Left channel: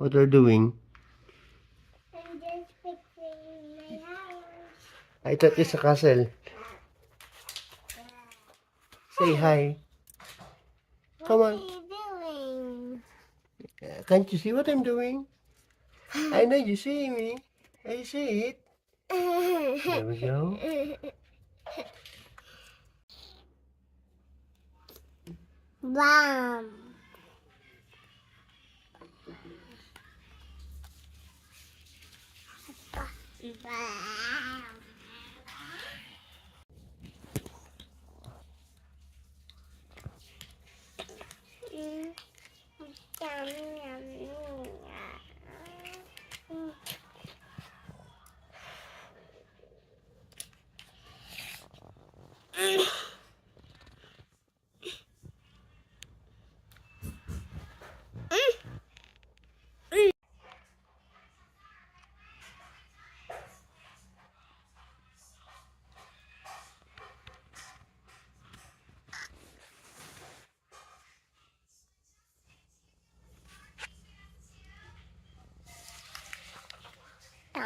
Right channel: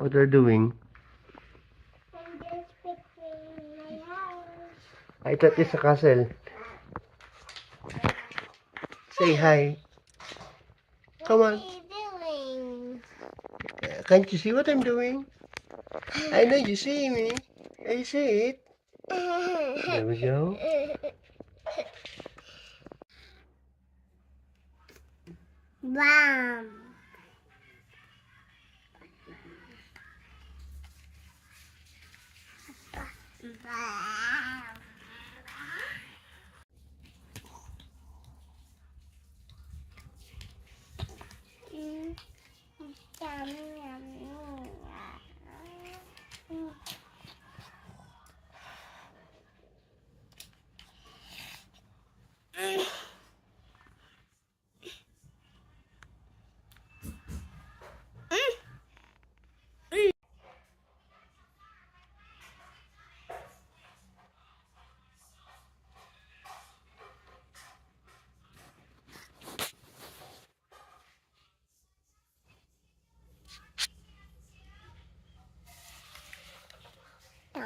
What are you doing? I'm just fixing my house. I thought it's a castle. Say hi. Come What on. are you doing? Can't you see what I'm doing? I know you see me. I see it. There we go. Bam. Bam.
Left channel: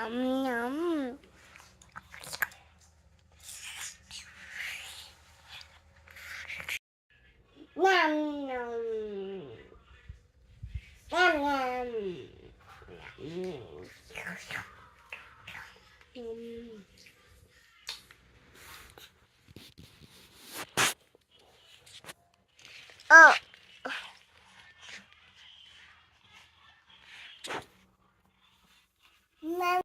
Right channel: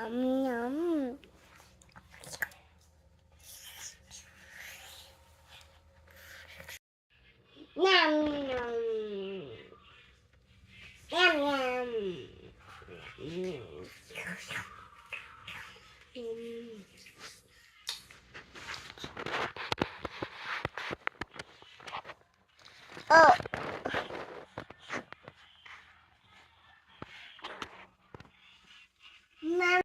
Yum yum. Yum yum. Yum yum. Oh. Mom.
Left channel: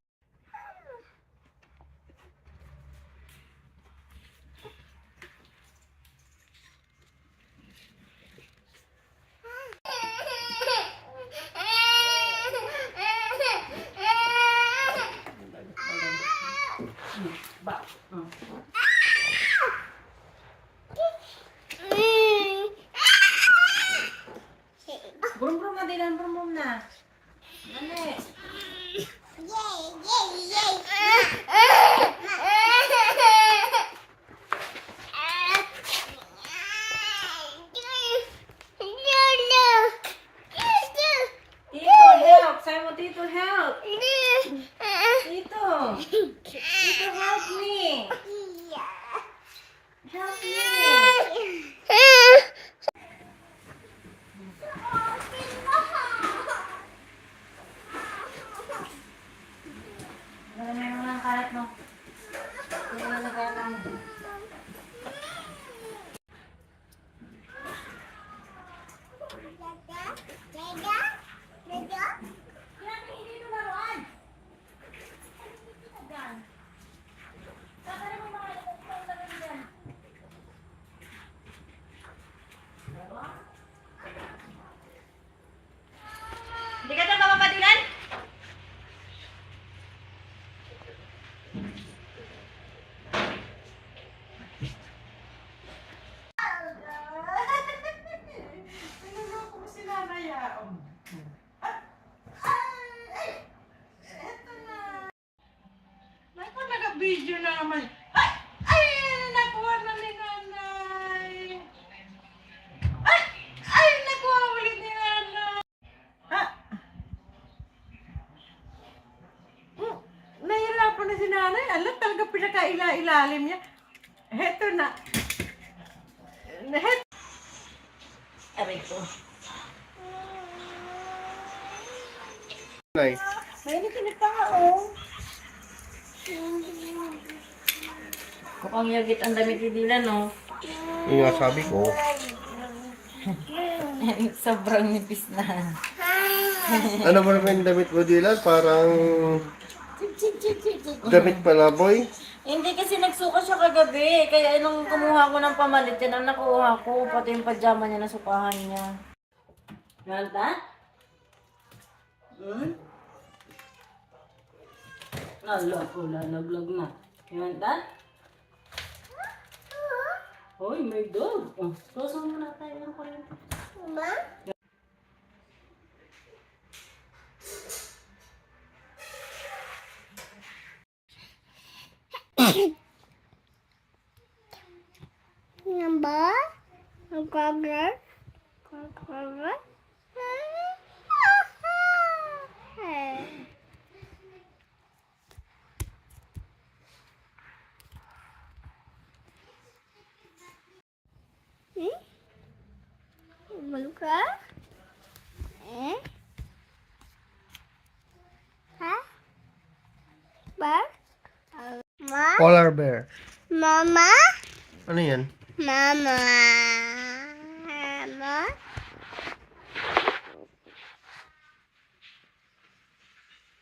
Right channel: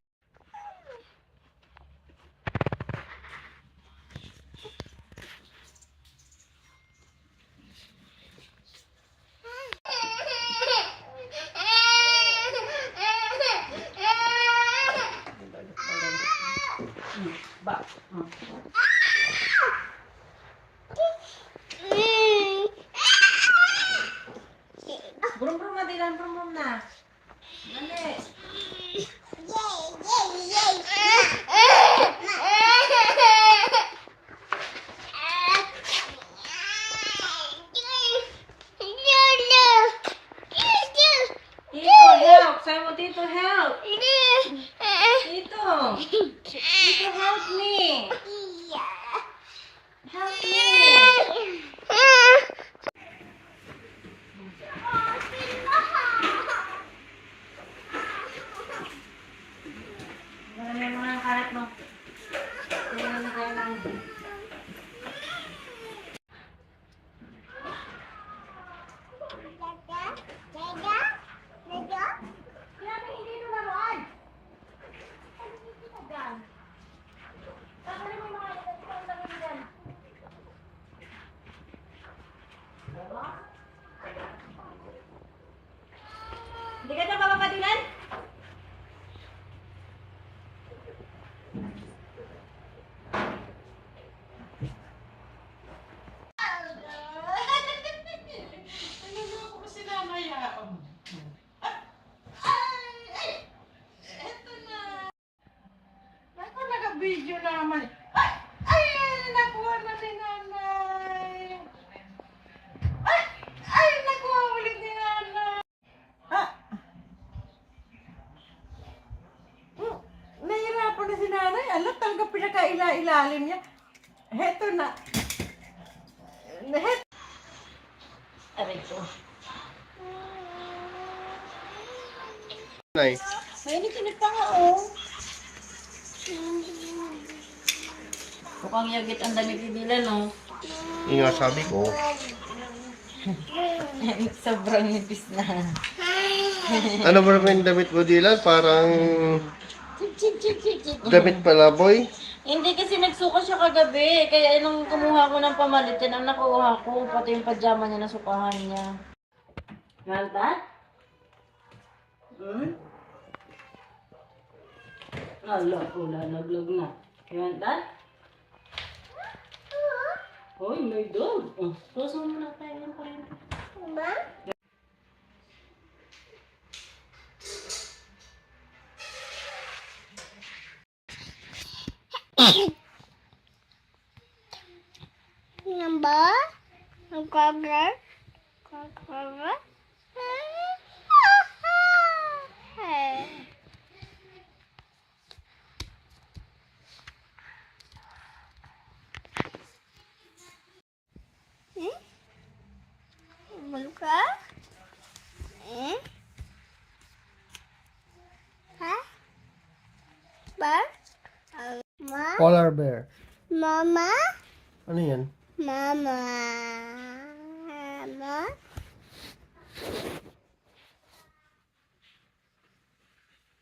Brum-brum na, Dilan. Brum-brum na. Dali. Tito, help. Sabi mo, Tito, help. Tito. Tito, help me. Help me. Lagyan mo ng karat mo. Lagyan mo ng Hindi ka na mapapadilan? Naluloko mo si Nanay, eto na. Naku, naka-video naman. Ay! Nakuha na ni Nanay. Nakuha ulit ni Nanay. Ha? Nahihirapan na si Nanay. Alam, talaga pinakaila-ilalim niya. Heto na. Aray ko. Nay. Mainit-init pa nga, oh. Mukhang yagit ang damit ni Dilan, oh. Yung nga sabi ko. Sobrang nipis na. Ano ba naman yung damit mo, Dylan? Parang damit palaboy. Hindi kasi nagsuka siya kagabi. Kaya nung kumuha ko ng pamalit, yan ang nakuha ko. Pati yung pajama niya, nasukahan niya. Malta? Ala ko, lalaglag na. Malta? Hoy, may dog. Susunod na tayo ng kuryente. Diba? Number? Number? Number? Ba? Ma? Polar bear. Mama? Ano yan? Mama. Mama?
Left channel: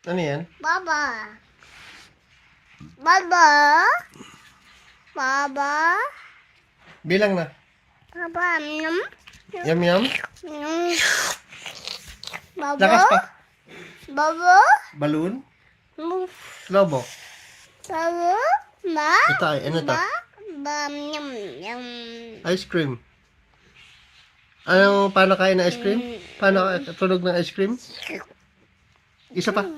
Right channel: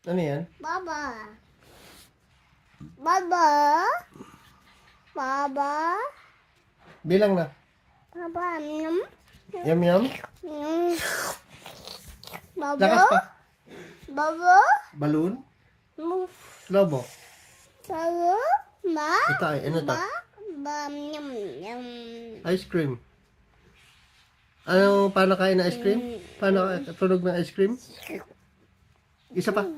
Ano yan? Baba. Baba. Baba. Bilang na. Baba. Num. Yum yum. Num. Baba. Lakas pa. Baba. Balloon. Move. Lobo. Baba. Ma. Ito ay, ano to? Ba. Ba. Yum. Yum. Ice cream. Ano, paano kain ng ice cream? Paano tunog ng ice cream? Isa pa.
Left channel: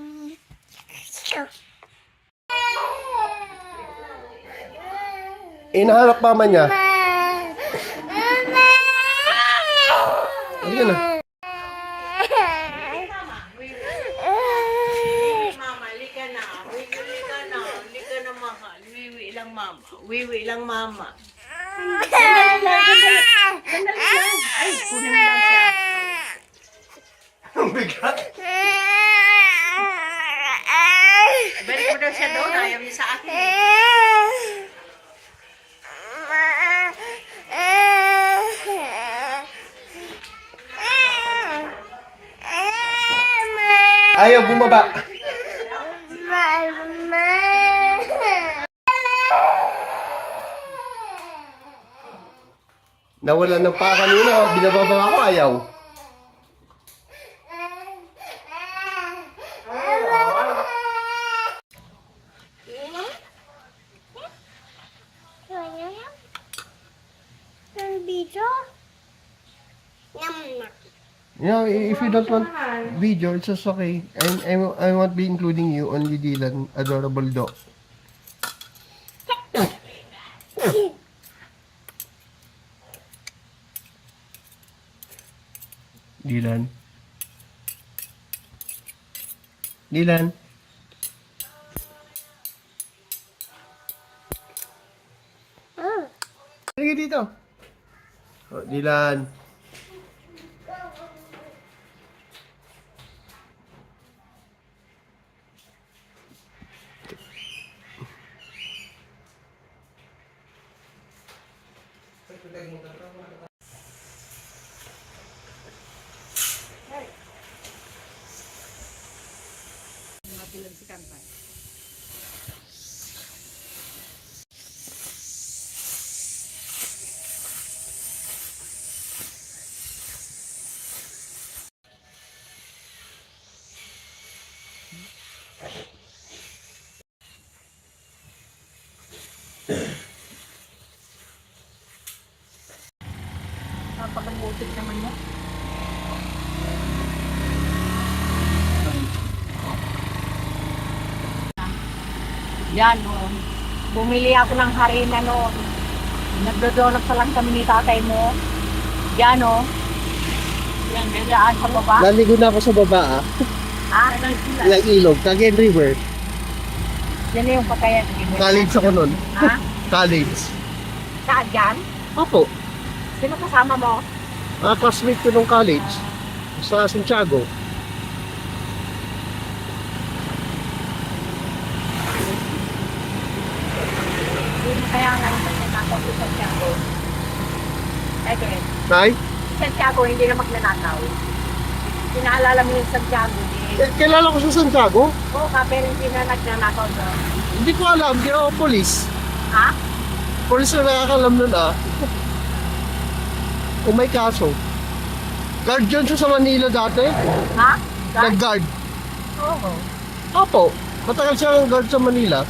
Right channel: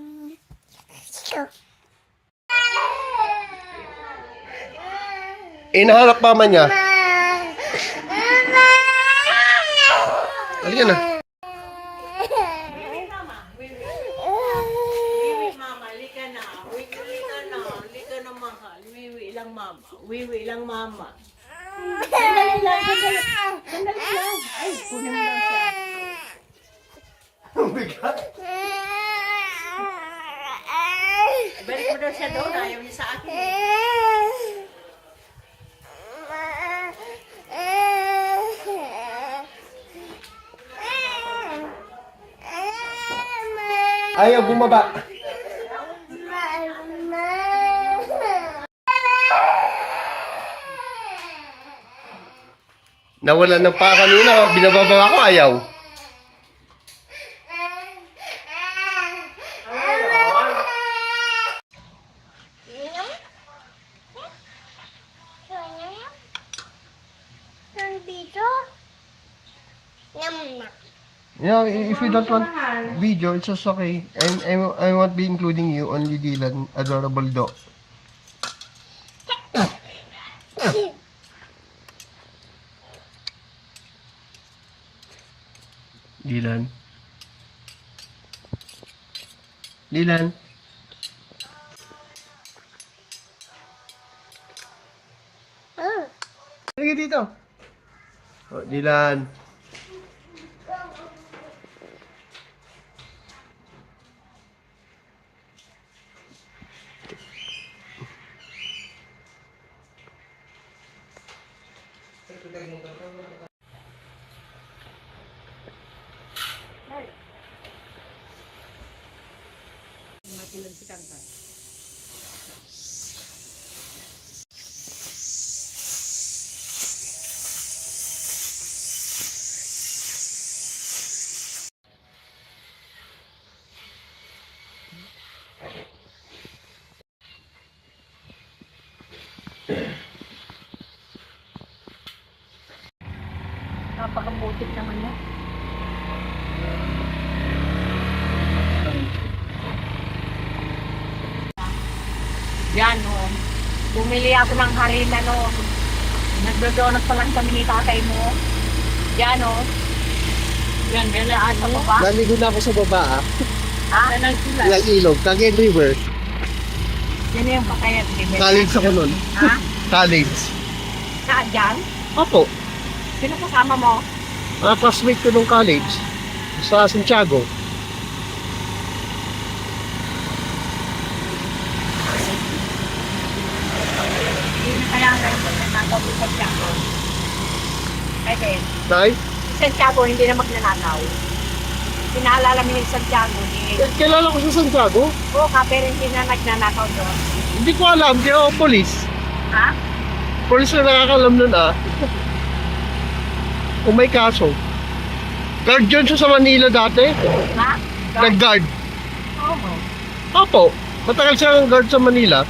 Inahanap mama niya. Halika na. Mama, lika na. Lika na. Lika na, mahal. Wiwi lang, mama. Wiwi lang, mama. Sandali lang. Ay, kunin mo lang siya. Ang bigat. Balik mo daw siya doon. Ayaw niya sa akin. Ayaw bumaba. Nawala ng paa kanina. Binababa ako, ayaw. Nandito? Yum na. You know, if you don't want video, it's just okay. I won't be including you, only Dylan, adorable dog. Dylan. Dylan. Oh. Halika dito. Oh, Dylan. Napakabutik naman niya. Yan, oh. Bumili ako ng harina, no. Nagdodonut pa lang kami ni tatay mo. Yan, oh. Yan, nilaan sa baba. Naligo na ako sa baba, ah. Ah, Yung ilog, Cagayan River. yan yung patayan. College ako nun. Ha? College. Saan dyan? Opo. Sino kasama mo? Mga classmate ko nung college. Sa Santiago. Kaya nga yung magnanakaw sa Santiago. Kaya Nay? Santiago hindi na magnanakaw. Pinaalala mo yung Santiago. Kilala ko sa Santiago. Oo, pero hindi na nagnanakaw doon. Hindi ko alam, di ako polis. Ha? Polis na nakakalam nun, ah. Kung may kaso. Guard yun siya sa Manila dati. Ha? Nag-guard. Oo. Opo. Matagal siya ang guard sa Manila.